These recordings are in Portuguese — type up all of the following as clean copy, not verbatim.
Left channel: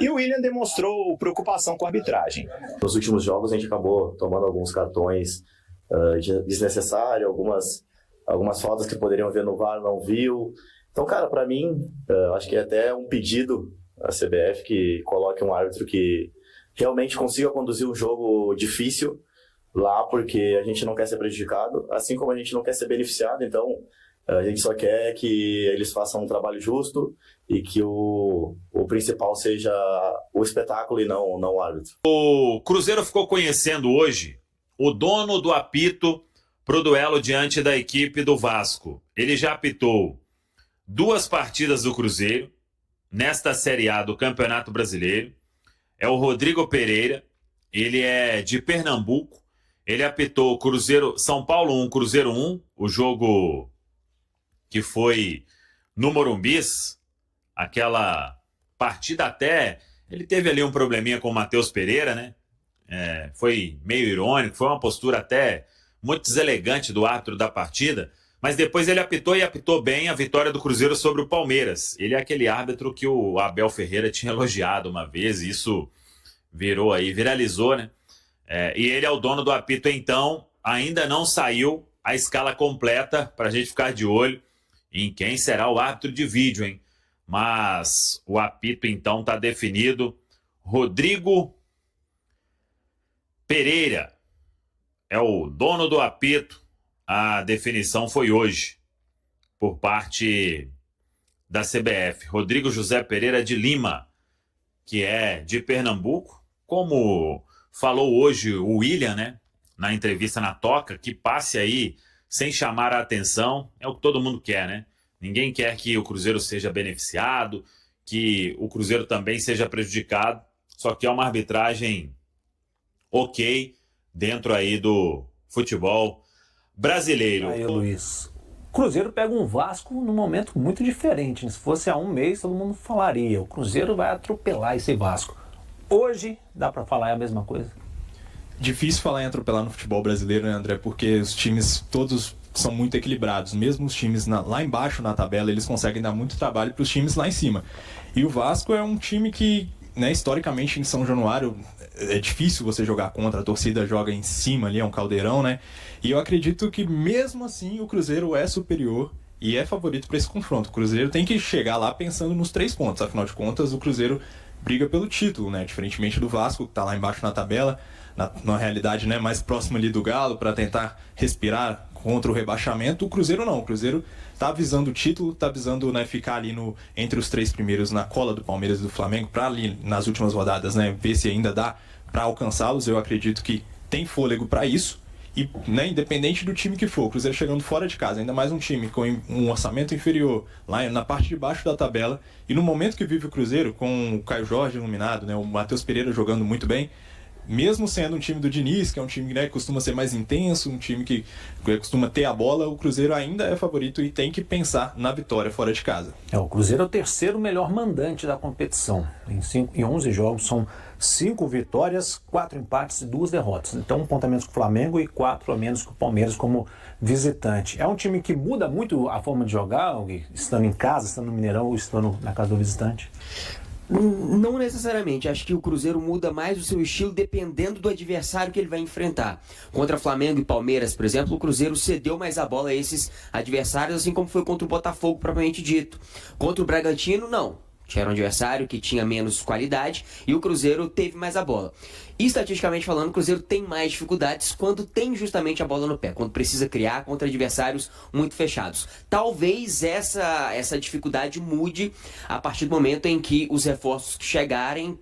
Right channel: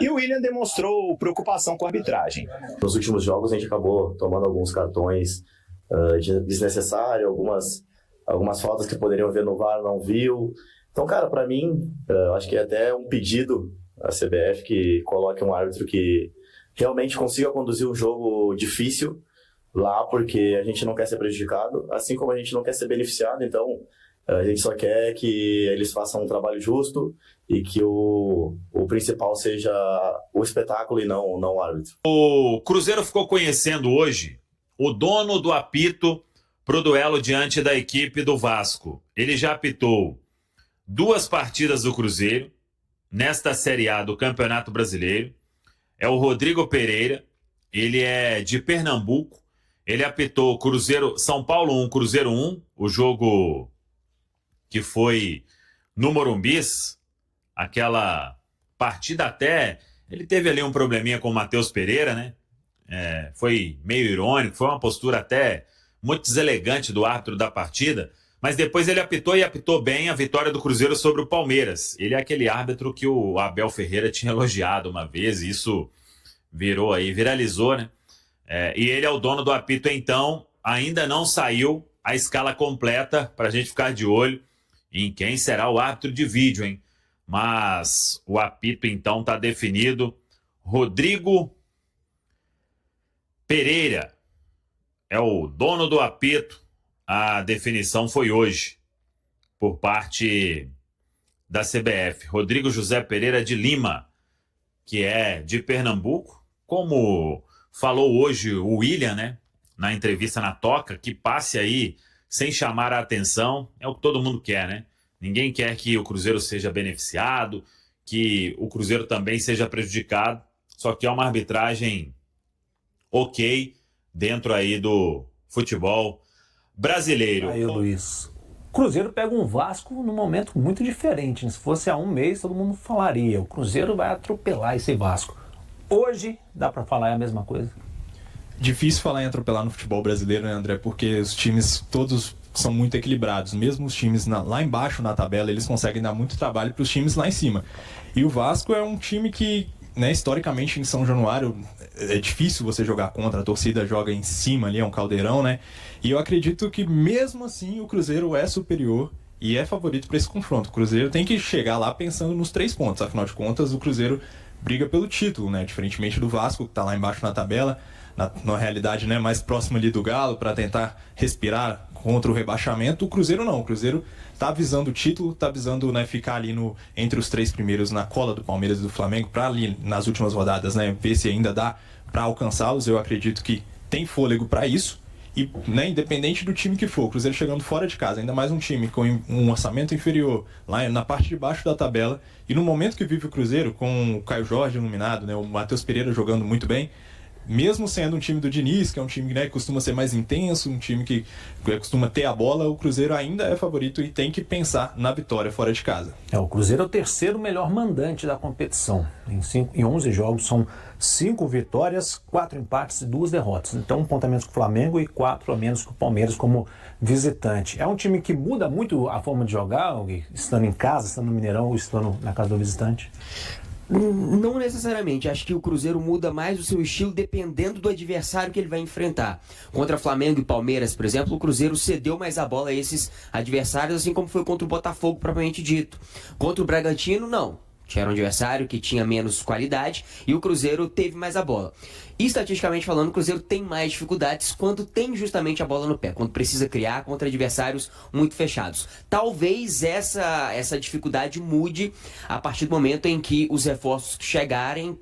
E o William demonstrou preocupação com a arbitragem. Nos últimos jogos a gente acabou tomando alguns cartões desnecessários, algumas faltas que poderiam ver no VAR, não viu. Então, cara, para mim, acho que é até um pedido à CBF que coloque um árbitro que realmente consiga conduzir um jogo difícil lá, porque a gente não quer ser prejudicado, assim como a gente não quer ser beneficiado. Então, a gente só quer que eles façam um trabalho justo e que o principal seja o espetáculo e não o árbitro. O Cruzeiro ficou conhecendo hoje o dono do apito pro duelo diante da equipe do Vasco. Ele já apitou 2 partidas do Cruzeiro nesta Série A do Campeonato Brasileiro. É o Rodrigo Pereira, ele é de Pernambuco. Ele apitou Cruzeiro, São Paulo 1, Cruzeiro 1, o jogo que foi no Morumbis, aquela partida até... Ele teve ali um probleminha com o Matheus Pereira, né? Foi meio irônico, foi uma postura até muito deselegante do árbitro da partida, mas depois ele apitou e apitou bem a vitória do Cruzeiro sobre o Palmeiras. Ele é aquele árbitro que o Abel Ferreira tinha elogiado uma vez, e isso viralizou, né? E ele é o dono do apito, então ainda não saiu a escala completa para a gente ficar de olho em quem será o árbitro de vídeo, hein? Mas o apito então está definido. Rodrigo Pereira é o dono do apito. A definição foi hoje por parte da CBF. Rodrigo José Pereira de Lima, que é de Pernambuco, como falou hoje o William, né, na entrevista na Toca, que passe aí sem chamar a atenção, é o que todo mundo quer, né? Ninguém quer que o Cruzeiro seja beneficiado, que o Cruzeiro também seja prejudicado, só que é uma arbitragem ok dentro aí do futebol brasileiro. Aí, Luiz, o Cruzeiro pega um Vasco num momento muito diferente, né? Se fosse há um mês, todo mundo falaria, o Cruzeiro vai atropelar esse Vasco. Hoje, dá para falar a mesma coisa? Difícil falar em atropelar no futebol brasileiro, né, André? Porque os times todos são muito equilibrados. Mesmo os times lá embaixo na tabela, eles conseguem dar muito trabalho para os times lá em cima. E o Vasco é um time que, né, historicamente em São Januário, é difícil você jogar contra, a torcida joga em cima ali, é um caldeirão, né? E eu acredito que mesmo assim o Cruzeiro é superior e é favorito para esse confronto. O Cruzeiro tem que chegar lá pensando nos 3 pontos. Afinal de contas, o Cruzeiro briga pelo título, né? Diferentemente do Vasco, que está lá embaixo na tabela, na realidade, né, mais próximo ali do Galo, para tentar respirar contra o rebaixamento. O Cruzeiro não, o Cruzeiro está visando o título, está visando, né, ficar ali entre os 3 primeiros na cola do Palmeiras e do Flamengo, para ali nas últimas rodadas, né, ver se ainda dá para alcançá-los. Eu acredito que tem fôlego para isso. E, né, independente do time que for, o Cruzeiro chegando fora de casa, ainda mais um time com um orçamento inferior, lá na parte de baixo da tabela, e no momento que vive o Cruzeiro, com o Caio Jorge iluminado, né, o Matheus Pereira jogando muito bem, mesmo sendo um time do Diniz, que é um time, né, que costuma ser mais intenso, um time que costuma ter a bola, o Cruzeiro ainda é favorito e tem que pensar na vitória fora de casa. O Cruzeiro é o terceiro melhor mandante da competição. Em 11 jogos são 5 vitórias, 4 empates e 2 derrotas. Então, um ponto a menos que o Flamengo e 4 a menos que o Palmeiras como visitante. É um time que muda muito a forma de jogar, estando em casa, estando no Mineirão ou estando na casa do visitante? Não necessariamente. Acho que o Cruzeiro muda mais o seu estilo dependendo do adversário que ele vai enfrentar. Contra Flamengo e Palmeiras, por exemplo, o Cruzeiro cedeu mais a bola a esses adversários, assim como foi contra o Botafogo, propriamente dito. Contra o Bragantino, não. Era um adversário que tinha menos qualidade e o Cruzeiro teve mais a bola. E, estatisticamente falando, o Cruzeiro tem mais dificuldades quando tem justamente a bola no pé, quando precisa criar contra adversários muito fechados. Talvez essa dificuldade mude a partir do momento em que os reforços que chegaram,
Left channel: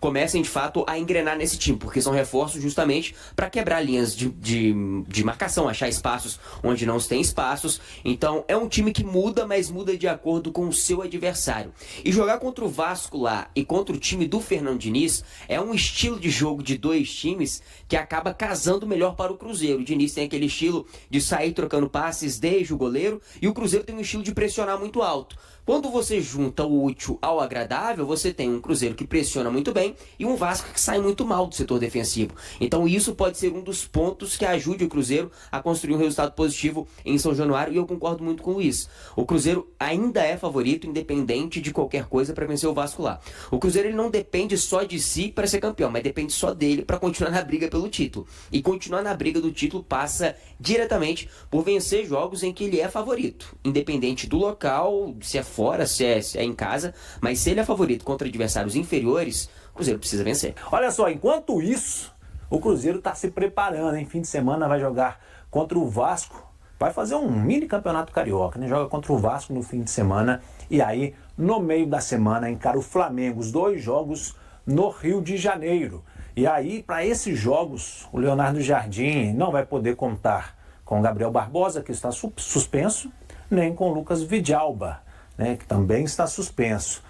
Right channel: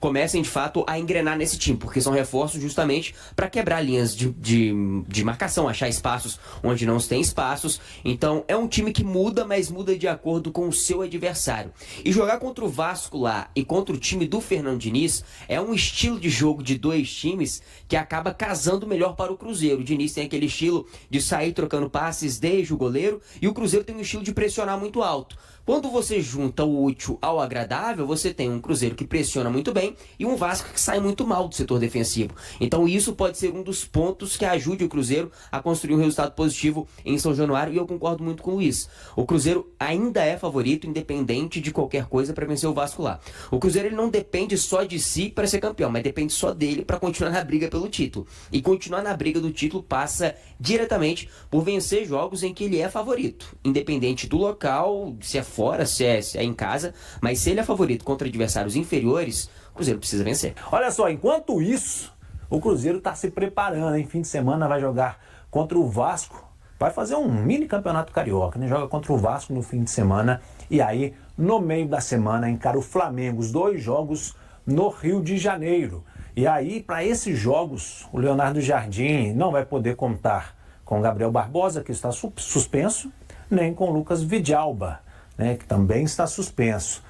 comecem de fato a engrenar nesse time, porque são reforços justamente para quebrar linhas de marcação, achar espaços onde não se tem espaços. Então é um time que muda, mas muda de acordo com o seu adversário. E jogar contra o Vasco lá e contra o time do Fernando Diniz é um estilo de jogo de 2 times que acaba casando melhor para o Cruzeiro. O Diniz tem aquele estilo de sair trocando passes desde o goleiro e o Cruzeiro tem um estilo de pressionar muito alto. Quando você junta o útil ao agradável, você tem um Cruzeiro que pressiona muito bem e um Vasco que sai muito mal do setor defensivo. Então isso pode ser um dos pontos que ajude o Cruzeiro a construir um resultado positivo em São Januário, e eu concordo muito com isso. O Cruzeiro ainda é favorito, independente de qualquer coisa, para vencer o Vasco lá. O Cruzeiro ele não depende só de si para ser campeão, mas depende só dele para continuar na briga pelo título. E continuar na briga do título passa diretamente por vencer jogos em que ele é favorito, independente do local, se é fora, se é em casa, mas se ele é favorito contra adversários inferiores, o Cruzeiro precisa vencer. Olha só, enquanto isso, o Cruzeiro está se preparando, hein? Fim de semana vai jogar contra o Vasco, vai fazer um mini campeonato carioca, né? Joga contra o Vasco no fim de semana e aí no meio da semana encara o Flamengo, os 2 jogos no Rio de Janeiro. E aí, para esses jogos, o Leonardo Jardim não vai poder contar com o Gabriel Barbosa, que está suspenso, nem com o Lucas Vidalba, né, que também está suspenso.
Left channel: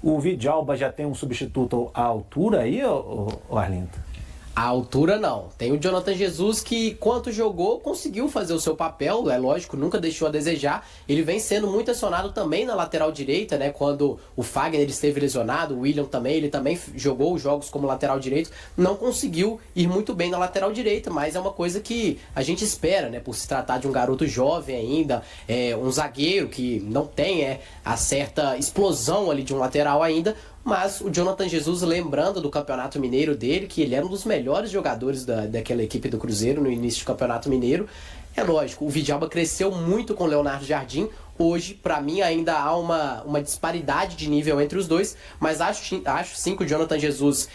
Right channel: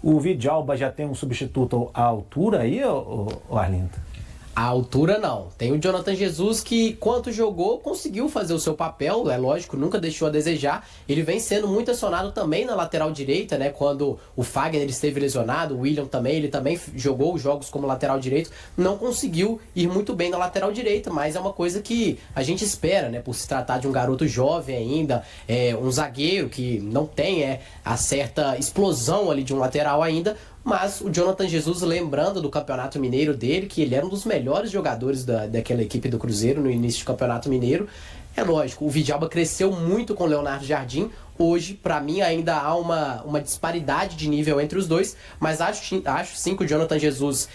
O Vidalba já tem um substituto à altura aí, Arlindo? À altura não. Tem o Jonathan Jesus que, quanto jogou, conseguiu fazer o seu papel, é lógico, nunca deixou a desejar. Ele vem sendo muito acionado também na lateral direita, né? Quando o Fagner esteve lesionado, o William também, ele também jogou os jogos como lateral direito, não conseguiu ir muito bem na lateral direita, mas é uma coisa que a gente espera, né? Por se tratar de um garoto jovem ainda, um zagueiro que não tem a certa explosão ali de um lateral ainda. Mas o Jonathan Jesus, lembrando do Campeonato Mineiro dele, que ele era um dos melhores jogadores daquela equipe do Cruzeiro no início do Campeonato Mineiro. É lógico, o Vidalba cresceu muito com o Leonardo Jardim. Hoje, para mim, ainda há uma disparidade de nível entre os dois, mas acho sim que o Jonathan Jesus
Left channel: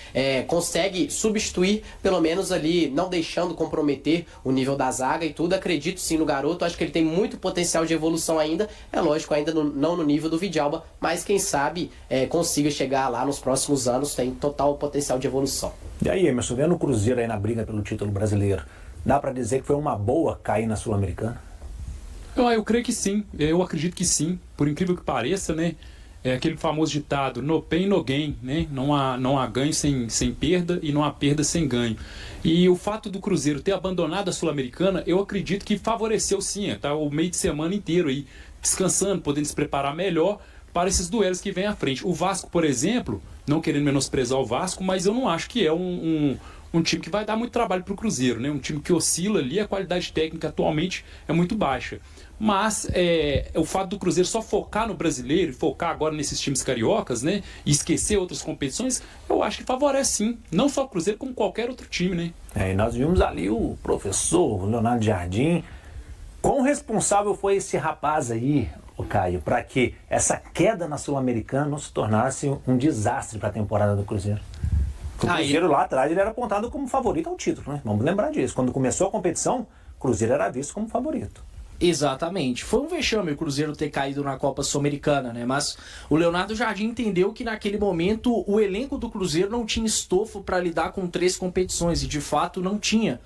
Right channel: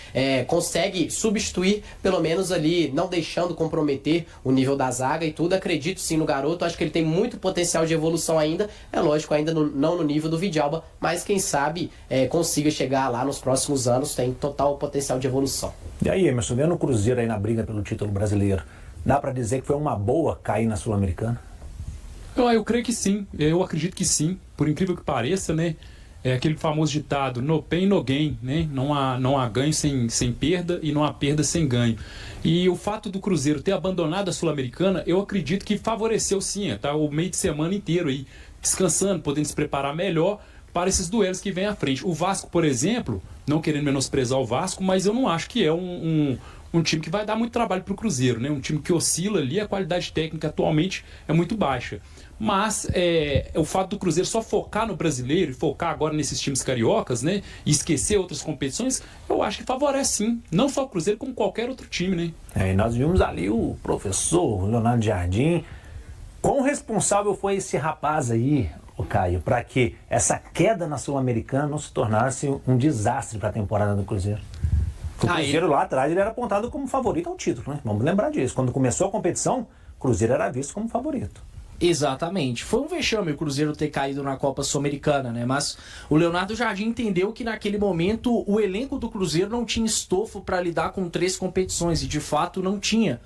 consegue substituir, pelo menos ali, não deixando comprometer o nível da zaga e tudo. Acredito sim no garoto, acho que ele tem muito potencial de evolução ainda. É lógico, ainda não no nível do Vidalba, mas quem sabe consiga chegar lá nos próximos anos, tem total potencial de evolução. E aí, Emerson, vendo o Cruzeiro aí na briga pelo título brasileiro, dá para dizer que foi uma boa cair na Sul-Americana? Eu creio que sim, eu acredito que sim, por incrível que pareça, né? É aquele famoso ditado, no pain, no gain, né? Não há ganho sem perda e não há perda sem ganho. E o fato do Cruzeiro ter abandonado a Sul-Americana, eu acredito que favoreceu sim, tá o meio de semana inteiro aí, descansando, podendo se preparar melhor para esses duelos que vêm à frente. O Vasco, por exemplo, não querendo menosprezar o Vasco, mas eu não acho que é um time que vai dar muito trabalho para o Cruzeiro, né? Um time que oscila ali, a qualidade técnica atualmente é muito baixa. Mas o fato do Cruzeiro só focar no brasileiro, focar agora nesses times cariocas, né? E esquecer outras competições, eu acho que favorece sim. Não só o Cruzeiro, como qualquer outro time, né? E nós vimos ali o professor Leonardo Jardim. Quão responsável foi esse rapaz aí, o Caio, para que essa queda na Sul-Americana não se tornasse um desastre para a temporada do Cruzeiro? O Cruzeiro lá atrás ele era apontado como favorito ao título, né? Vamos lembrar disso. Quando começou a competição, o Cruzeiro era visto como favorito. Exatamente. Foi um vexame o Cruzeiro ter caído na Copa Sul-Americana, né? Mas o Leonardo Jardim entendeu que naquele momento o elenco do Cruzeiro não tinha estofo para lidar com 3 competições, e de fato não tinha.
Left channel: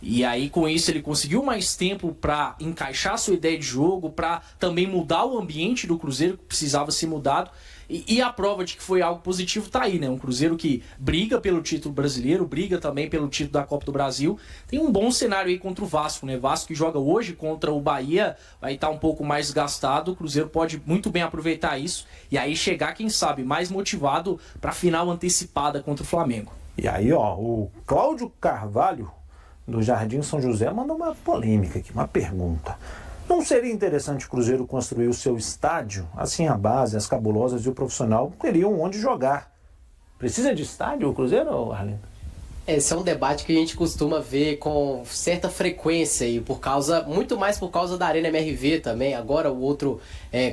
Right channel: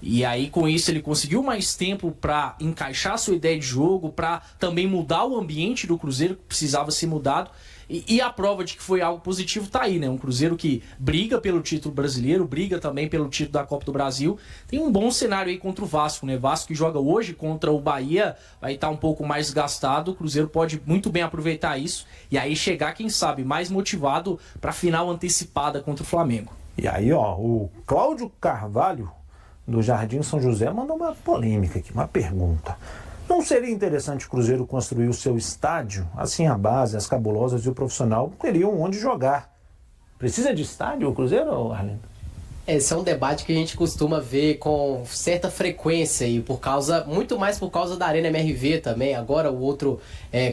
E aí com isso ele conseguiu mais tempo para encaixar sua ideia de jogo, para também mudar o ambiente do Cruzeiro que precisava ser mudado. E a prova de que foi algo positivo tá aí, né? Um Cruzeiro que briga pelo título brasileiro, briga também pelo título da Copa do Brasil. Tem um bom cenário aí contra o Vasco, né? Vasco que joga hoje contra o Bahia, vai estar um pouco mais desgastado. O Cruzeiro pode muito bem aproveitar isso e aí chegar, quem sabe, mais motivado para a final antecipada contra o Flamengo. E aí, o Cláudio Carvalho, do Jardim São José, mandou uma polêmica aqui, uma pergunta. Não seria interessante o Cruzeiro construir o seu estádio? Assim a base, as cabulosas e o profissional teriam onde jogar. Precisa de estádio o Cruzeiro, Arlindo? Esse é um debate que a gente costuma ver com certa frequência e muito mais por causa da Arena MRV também. Agora o outro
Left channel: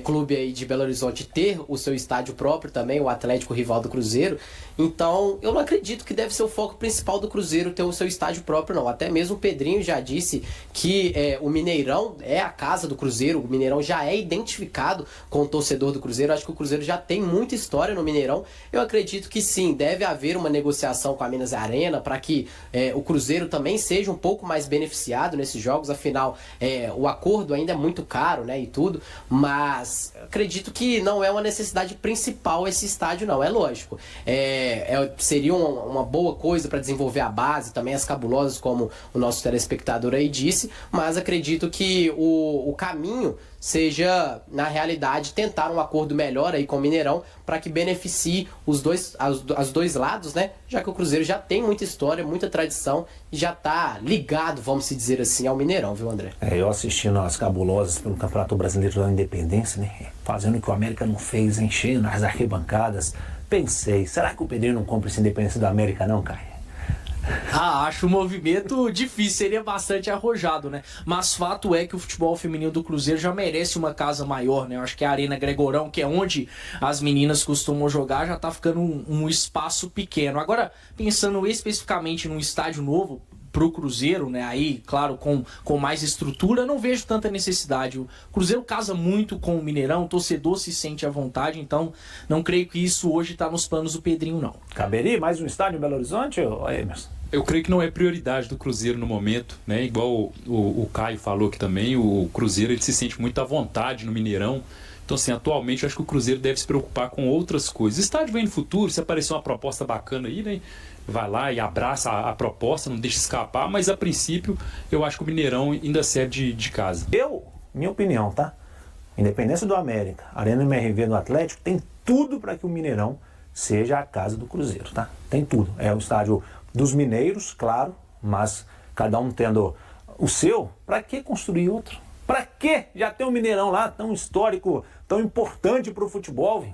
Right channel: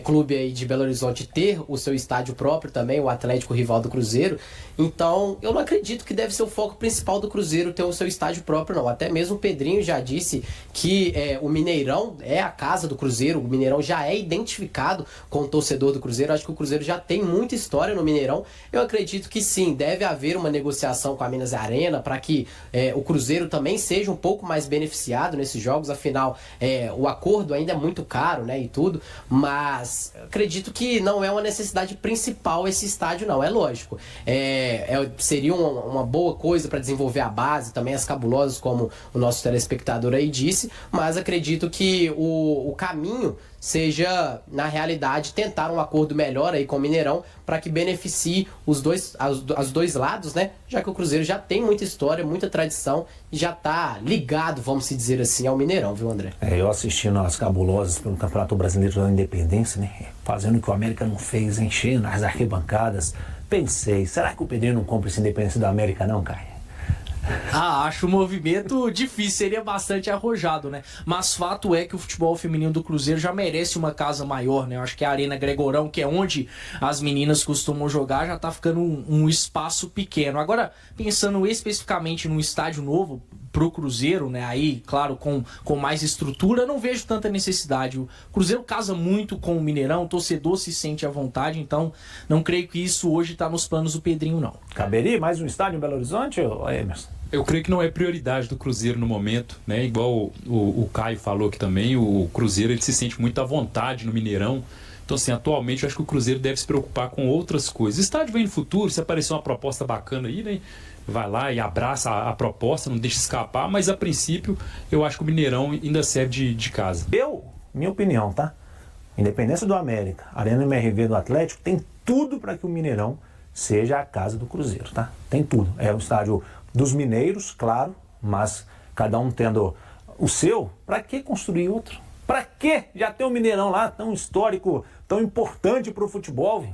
clube aí de Belo Horizonte ter o seu estádio próprio também, o Atlético rival do Cruzeiro. Então eu não acredito que deve ser o foco principal do Cruzeiro ter o seu estádio próprio, não. Até mesmo o Pedrinho já disse que o Mineirão é a casa do Cruzeiro, o Mineirão já é identificado com o torcedor do Cruzeiro. Acho que o Cruzeiro já tem muita história no Mineirão. Eu acredito que sim, deve haver uma negociação com a Minas Arena para que o Cruzeiro também seja um pouco mais beneficiado nesses jogos. Afinal, o acordo ainda é muito caro, né, e tudo, mas acredito que não é uma necessidade principal esse estádio, não. É lógico, seria uma boa coisa para desenvolver a base, também as cabulosas, como o nosso telespectador aí disse, mas acredito que o caminho seja, na realidade, tentar um acordo melhor aí com o Mineirão para que beneficie os dois lados, né? Já que o Cruzeiro já tem muita história, muita tradição e já tá ligado, vamos se dizer assim, ao Mineirão, viu, André? Eu assistindo as cabulosas pelo Campeonato Brasileiro da Independência, né? Fazendo o que o América não fez, enchendo as arquibancadas. Pensei, será que o Pedrinho não compra essa Independência da América não, Caio? Acho o movimento difícil, seria bastante arrojado, né? Mas fato é que o futebol feminino do Cruzeiro já merece uma casa maior, né? Eu acho que a Arena Gregorão, que é onde as meninas costumam jogar, já tá ficando um espaço pequeno. Agora, pensando especificamente num estádio novo pro Cruzeiro, né? Aí, claro, com mais estrutura, não vejo tanta necessidade. O Cruzeiro casa muito com o Mineirão, o torcedor se sente à vontade, então não creio que isso hoje tá nos planos do Pedrinho, não. Caberia mais um estádio em Belo Horizonte, Emerson? Eu creio que não é prioridade do Cruzeiro no momento, né? Igual o Caio falou aqui também, o Cruzeiro ele se sente muito à vontade no Mineirão. Então, assim, atualmente eu acho que o Cruzeiro deve se preocupar com outras coisas. Estádio vem no futuro, se aparecer uma proposta bacana aí, né? Vai lá e abraça a proposta, não deixa escapar, mas a princípio eu acho que o Mineirão ainda serve de casa. Minha opinião, tá? Independência do América, Arena MRV do Atlético, tem tudo para que o Mineirão seja a casa do Cruzeiro, tá? Tem tudo. É o estádio dos mineiros, claro, mas cada um tendo o seu, para que construir outro? Para que já tem um Mineirão lá tão histórico, tão importante para o futebol?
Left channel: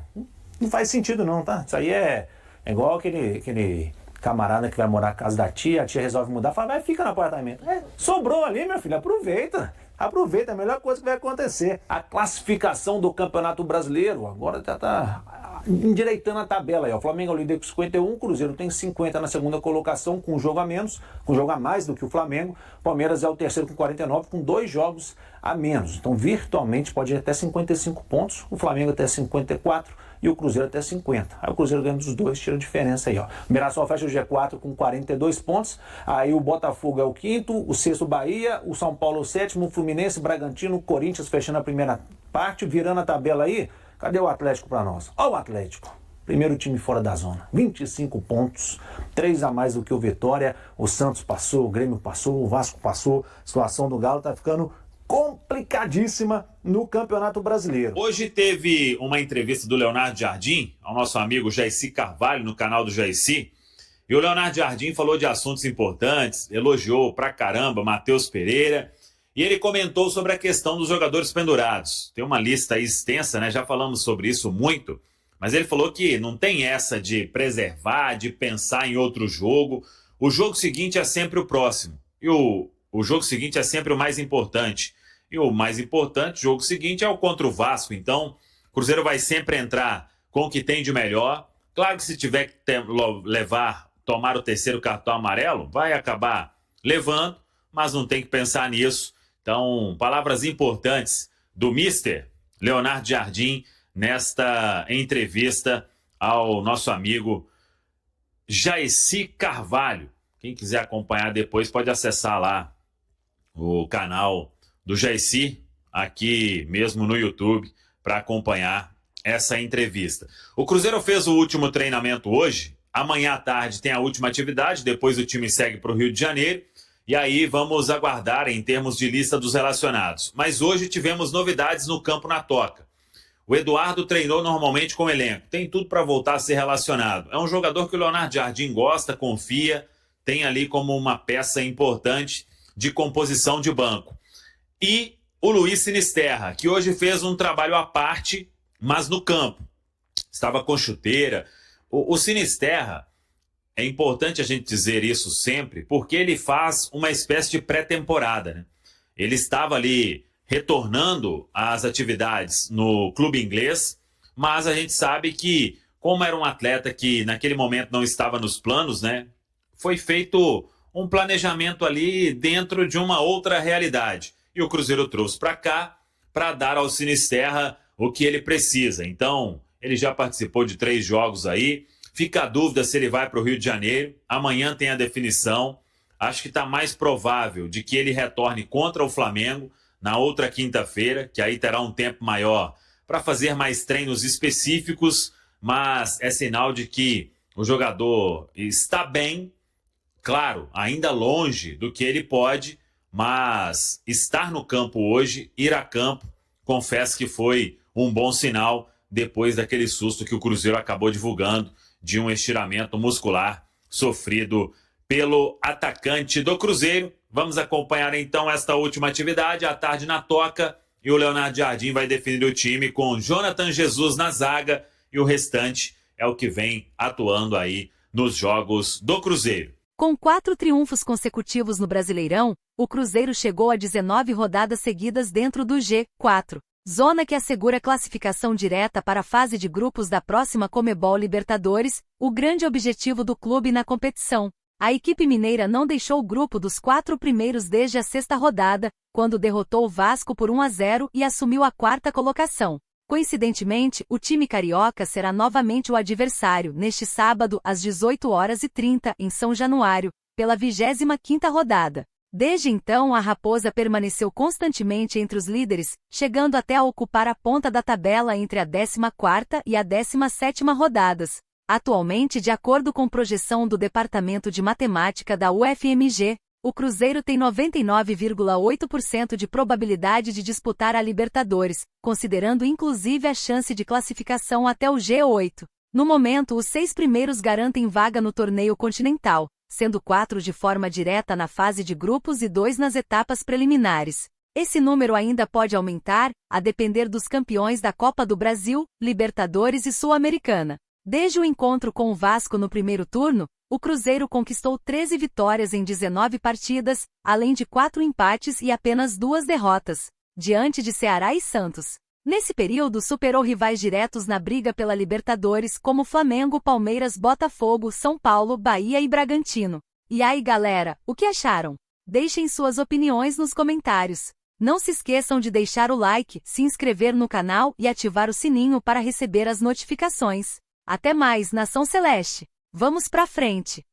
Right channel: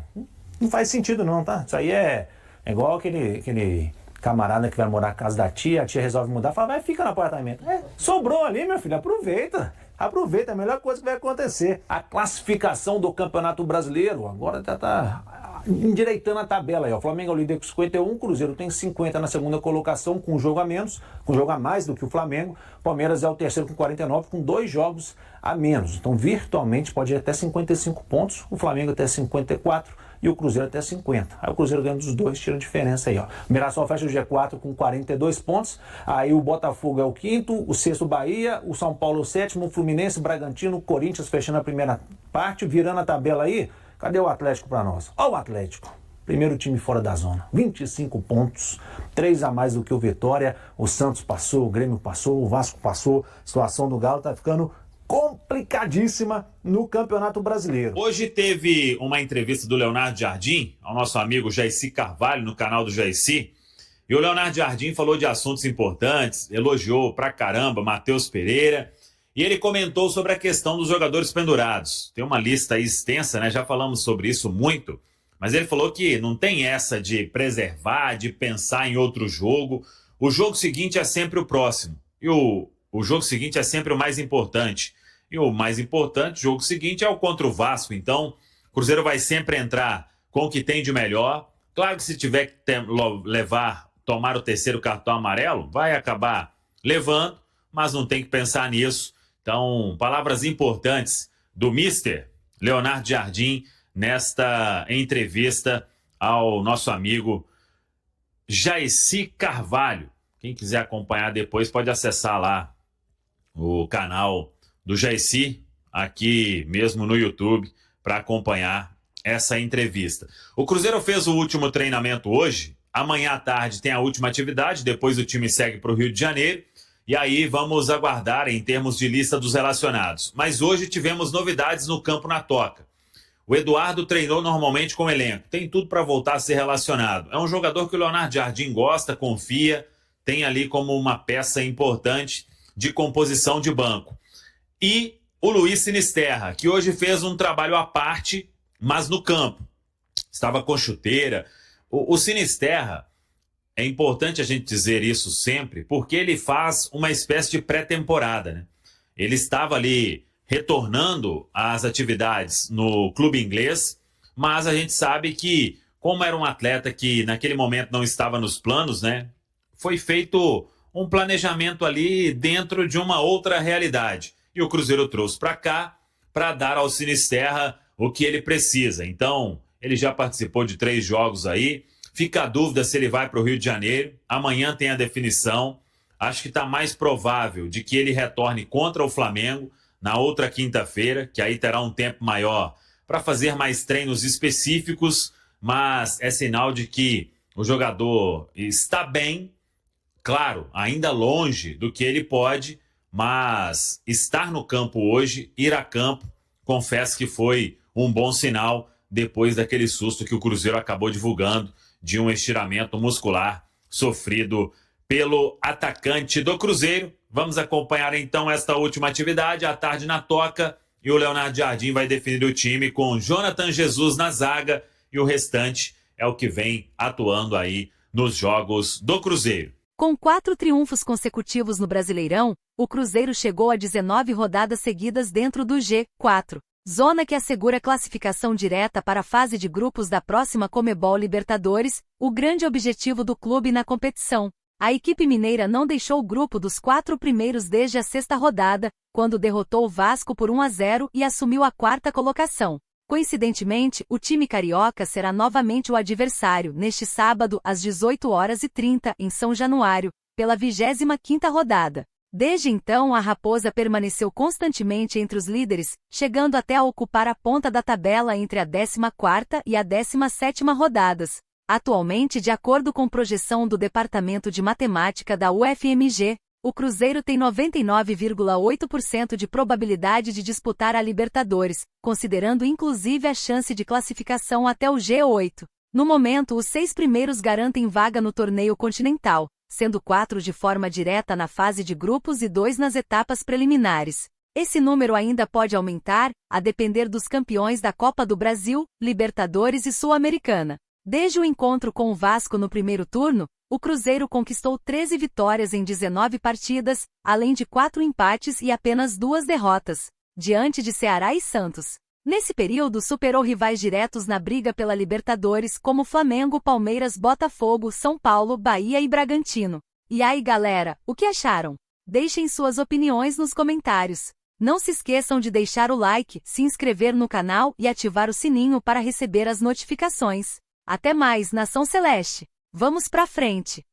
Não faz sentido não, tá? Isso aí é igual aquele camarada que vai morar na casa da tia, a tia resolve mudar, fala, vai, fica no apartamento. Sobrou ali, meu filho, aproveita, é a melhor coisa que vai acontecer. A classificação do Campeonato Brasileiro, agora já tá endireitando a tabela aí, ó. O Flamengo é o líder com 51, o Cruzeiro tem 50 na segunda colocação, com um jogo a menos, com um jogo a mais do que o Flamengo. O Palmeiras é o terceiro com 49, com 2 jogos a menos. Então, virtualmente, pode ir até 55 pontos, o Flamengo até 54 e o Cruzeiro até 50. Aí o Cruzeiro ganha dos dois, tira a diferença aí, ó. O Mirassol fecha o G4 com 42 pontos, aí o Botafogo é o quinto, o sexto Bahia, o São Paulo o sétimo, o Fluminense, Bragantino, o Corinthians fechando a primeira parte, virando a tabela aí. Cadê o Atlético para nós? Ó o Atlético, primeiro time fora da zona, 25 pontos, 3 a mais do que o Vitória, o Santos passou, o Grêmio passou, o Vasco passou, a situação do Galo tá ficando complicadíssima no Campeonato Brasileiro. Hoje teve uma entrevista do Leonardo Jardim, ao nosso amigo Jaicy Carvalho, no canal do Jaicy, e o Leonardo Jardim falou de assuntos importantes, elogiou pra caramba Matheus Pereira, e ele comentou sobre a questão dos jogadores pendurados. Tem uma lista aí extensa, né? Já falamos sobre isso muito, mas ele falou que não tem essa de preservar, de pensar em outro jogo. O jogo seguinte é sempre o próximo, e o jogo seguinte é sempre o mais importante. E o mais importante, o jogo seguinte, é o contra o Vasco. Então, o Cruzeiro vai sempre entrar com o que tem de melhor. Claro que se tiver que tomar o terceiro cartão amarelo, vai acabar levando, mas não tem que pensar nisso. Então, palavras importantes do Mister Leonardo Jardim nesta entrevista ao nosso amigo Jaicy Carvalho. Quem quiser acompanhar depois pode acessar lá o canal do Jaicy, aqui mesmo no YouTube, para acompanhar essa entrevista. O Cruzeiro fez o último treinamento hoje, amanhã à tarde tem a última atividade, depois o time segue para o Rio de Janeiro, e aí vamos aguardar em termos de lista dos relacionados. Mas hoje tivemos novidades no campo na Toca. O Eduardo treinou normalmente com o elenco, tem tudo para voltar a ser relacionado. É um jogador que o Leonardo Jardim gosta, confia, tem ali como uma peça importante de composição de banco. E o Luiz Sinisterra, que hoje fez um trabalho à parte, mas no campo. Estava com chuteira. O Sinisterra, é importante a gente dizer isso sempre, porque ele faz uma espécie de pré-temporada, né? Ele estava ali retornando às atividades no clube inglês, mas a gente sabe que, como era um atleta que naquele momento não estava nos planos, né? Foi feito um planejamento ali dentro de uma outra realidade. E o Cruzeiro trouxe para cá para dar ao Sinisterra o que ele precisa. Então, ele já participou de 3 jogos aí. Fica a dúvida se ele vai para o Rio de Janeiro. Amanhã tem a definição. Acho que está mais provável de que ele retorne contra o Flamengo na outra quinta-feira, que aí terá um tempo maior para fazer mais treinos específicos, mas é sinal de que o jogador está bem, claro, ainda longe do que ele pode, mas estar no campo hoje, ir a campo, confesso que foi um bom sinal depois daquele susto que o Cruzeiro acabou divulgando de um estiramento muscular sofrido pelo atacante do Cruzeiro. Vamos acompanhar então esta última atividade, à tarde na Toca, e o Leonardo Jardim vai definir o time com Jonathan Jesus na zaga e o restante é o que vem atuando aí nos jogos do Cruzeiro. Com 4 triunfos consecutivos no Brasileirão, o Cruzeiro chegou a 19 rodadas seguidas dentro do G4, zona que assegura classificação direta para a fase de grupos da próxima Conmebol Libertadores, o grande objetivo do clube na competição. A equipe mineira não deixou o grupo dos 4 primeiros desde a 6ª rodada, quando derrotou o Vasco por 1-0 e assumiu a 4ª colocação. Coincidentemente, o time carioca será novamente o adversário neste sábado às 18h30 em São Januário, pela 25ª rodada. Desde então a Raposa permaneceu constantemente entre os líderes, chegando até a ocupar a ponta da tabela entre a 14ª e a 17ª rodadas. Atualmente, de acordo com projeção do Departamento de Matemática da UFMG, o Cruzeiro tem 99,8% de probabilidade de disputar a Libertadores, considerando inclusive a chance de classificação até o G8. No momento, os 6 primeiros garantem vaga no torneio continental, sendo 4 de forma direta na fase de grupos e 2 nas etapas preliminares. Esse número ainda pode aumentar, a depender dos campeões da Copa do Brasil, Libertadores e Sul-Americana. Desde o encontro com o Vasco no primeiro turno, o Cruzeiro conquistou 13 vitórias em 19 partidas, além de 4 empates e apenas 2 derrotas, diante de Ceará e Santos. Nesse período superou rivais diretos na briga pela Libertadores como Flamengo, Palmeiras, Botafogo, São Paulo, Bahia e Bragantino. E aí galera, o que acharam? Deixem suas opiniões nos comentários. Não se esqueçam de deixar o like, se inscrever no canal e ativar o sininho para receber as notificações. Até mais, Nação Celeste! Vamos pra frente!